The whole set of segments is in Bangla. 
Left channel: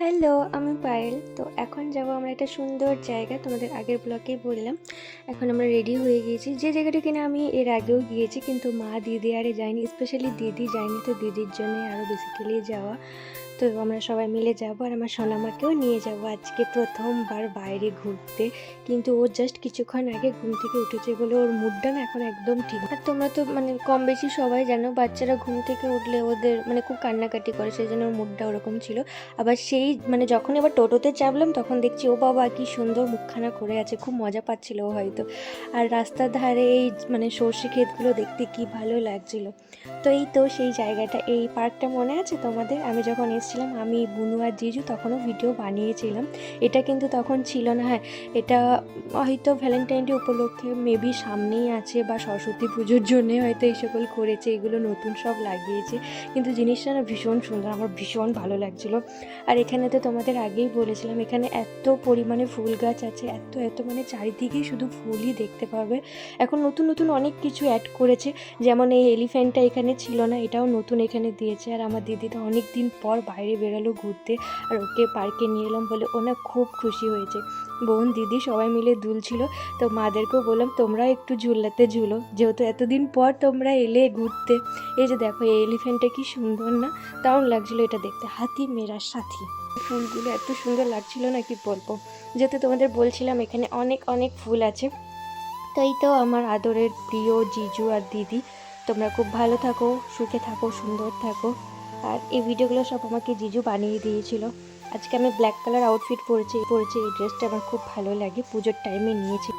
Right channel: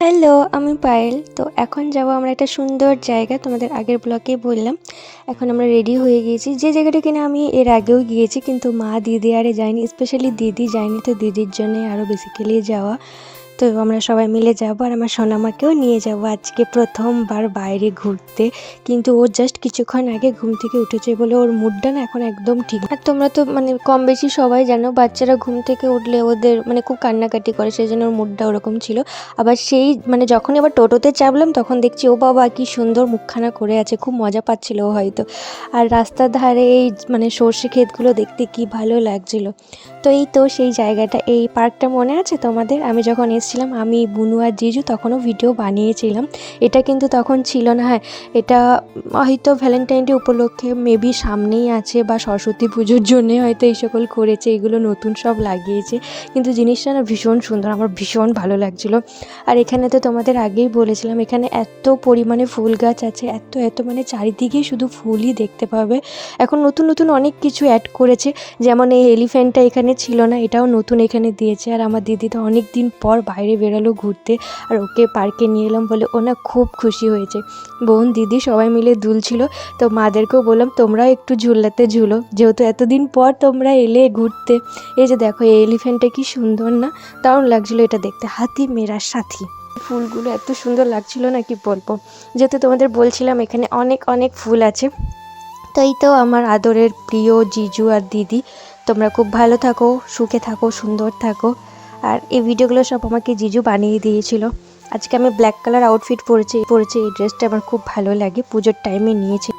হ্যালো, আমি পায়েল। তো এখন যাবো আমরা একটা সুন্দর জায়গা, তোমাদের আগের ব্লগেই বললাম। এখন আমরা রেডি হয়ে গিয়েছি, যে জায়গাটা কিনা আমি এর আগেও গিয়েছি, কিন্তু মা দিদি আরে যায়নি, স্পেশালি দিদি যায়নি, তো দিদির জন্যে আরও বেসিক্যালি যাওয়া। তো আমরা সবাই মিলে যাবো, আর আমার সোনামাকেও নিয়ে যাব আজকে প্রথমবার বাইরে ঘুরতে। কিন্তু ও জাস্ট কিছুক্ষণ আগে ঘুম থেকে উঠেছে বলে ওর মুডটা না এখন একদম ঠিক। আর তোমরা তো কম বেশি সবাই জানো, বাচ্চারা ঘুম থেকে উঠলে ওদের খুব কান্নাকাটি করে, সেই জন্য ওর মুডটা ওরকম ছিল। আবার সেই যখন এবার টোটোতে চাপলাম তখন দেখছি ও বাবা কি সুন্দর মুখখানা করে আছে, খুব মজা পাচ্ছিল ও হয়তো। আর রাস্তার ধারে এই সর্ষে ক্ষেতগুলো দেখতে কি ভালো লাগছিল। তো এই তো সেই জায়গাটা, এই পার্কটা মনে আছে তোমাদের? আমি যখন এসেছিলাম, আমি বুনু আর জিজু তখনও ভিডিও বানিয়েছিলাম। এটা কিন্তু তখন ছিল না। হ্যাঁ, এটা হয়তো ভ্যালেন্টাইন ডে উপলক্ষে মেবি সামনেই আছে, বা সরস্বতী পুজোর জন্যে হয়তো এই সকল করেছে, এগুলো নতুন সব লাগিয়েছে। কিন্তু জিনিসটা না ভীষণ সুন্দর, আমার ভীষণ ভালো লাগছিলো। আর এখানে তো তোমাদের আগেই বলেছিলাম, এখানে এত পরিমাণে ফুল গাছ আছে, এত এত চারিদিকেই শুধু ফুলই দেখতে পাবে। এখন নতুন নতুন অনেক কিছু অ্যাড করেছে, যেমন এই এলিফ্যান্টটা এখানে ছিল না, এটাও নতুন এখানে দিয়েছে। আর আমার দিদি তো অনেক দিন পর বাইরে বেরোলো ঘুরতে, আর ওকে পার্কে নিয়ে এলাম বলে ও না খুব খুশি হয়েছে। বোন দিদি সবাই মিলে দুলছিল। তো মাদেরকেও বললাম তোমরাও একটু ঝুলাতে ঝুলো, যেহেতু এতদিন পর তোমরা এলে ঘুরতে। এই যে দেখো, এই এলিফ্যান্টটা কি সুন্দর না, দারুণ লাগছিলো এটা দেখতে, হাতি মেরা সাথী। ফুলগুলো এত সুন্দর লাগছিল না, কি বলবো। যেহেতু তোমাদের বলছিলাম এখানে অনেক অনেক ফুল আছে। তো এই তো আমার আদরের প্রিয় জিজু আর দিদি, তোমরা খুব ভালো থাকো, সুখে থাকো, সুন্দর থাকো। আর এই ভিডিওগুলো সব আমাকে জিজু বানিয়ে দিয়েছিল। আজকে আমি ব্ল্যাক কালার আউটফিট পরেছি। এই ড্রেসটা আমার খুব ভালো লাগে, পুজোর টাইমে নিয়েছি।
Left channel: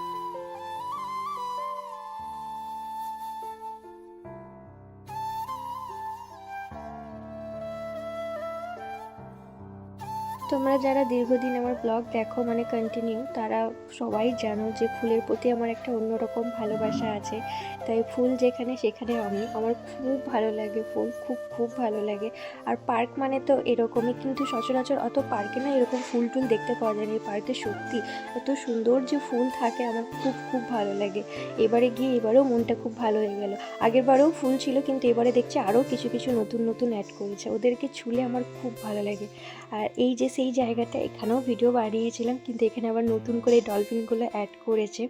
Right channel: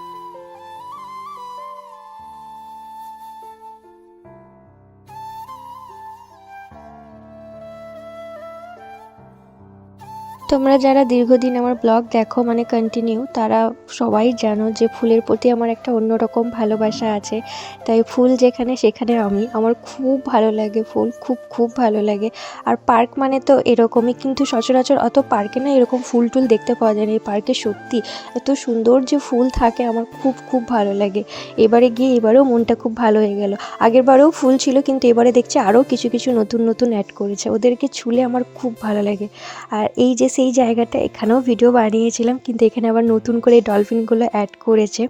তোমরা যারা দীর্ঘদিন আমার ব্লগ দেখো কন্টিনিউ, তারা সবাই জানো যে ফুলের প্রতি আমার একটা অন্যরকম ভালোবাসা আছে। তাই ফুল যেখানে সেখানে আমার খুব ভালো লাগে ফুল, খুব খুব ভালো লাগে। আর পার্ক তো এরকমই, কিন্তু সচরাচর অত পার্কে না এরকম ফুল টুল দেখতে পাওয়া যায় না। এই পার্কে সত্যি এত সুন্দর যে ফুল থাকে, আমার খুব খুব ভালো লাগে। এবারেও মনটা খুব ভালো হয়ে গেল। আগের বারেও ফুল ছিল, কিন্তু এবারে দেখছি আরও কিছু কিছু নতুন নতুন অ্যাড করেছে, ওদেরকে ছুলে আমার খুব ভালো লাগে। আর এই যে সেই জায়গাটা, এখানেও ভিডিও বানিয়েছিলাম, কিন্তু এখানে আবার নতুন করে ডলফিনগুলো অ্যাড করেছে,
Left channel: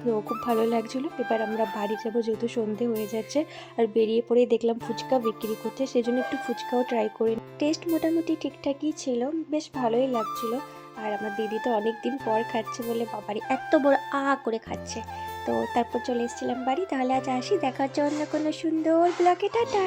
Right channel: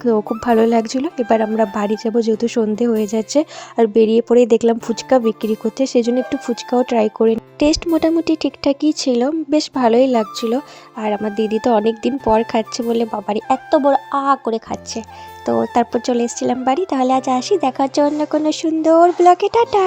তো খুব ভালো লাগছিলো। এবার আমরা বাড়ি যাবো, যেহেতু সন্ধে হয়ে যাচ্ছে। আর বেরিয়ে পড়েই দেখলাম ফুচকা বিক্রি করতে, সেই জন্য একটু ফুচকাও ট্রাই করে। টেস্ট মোটামুটি ঠিকঠাকই ছিল, বেশ ভালোই লাগছিলো। আর আমার দিদি তো অনেক দিন পর খাচ্ছে বলে বাবারই এত বড় করে খাচ্ছে। তো তারপর চলে এসেছিলাম বাড়ি। তাহলে আজ আসি, দেখা হচ্ছে অন্য কোনো সুন্দর ব্লগে, টাটা।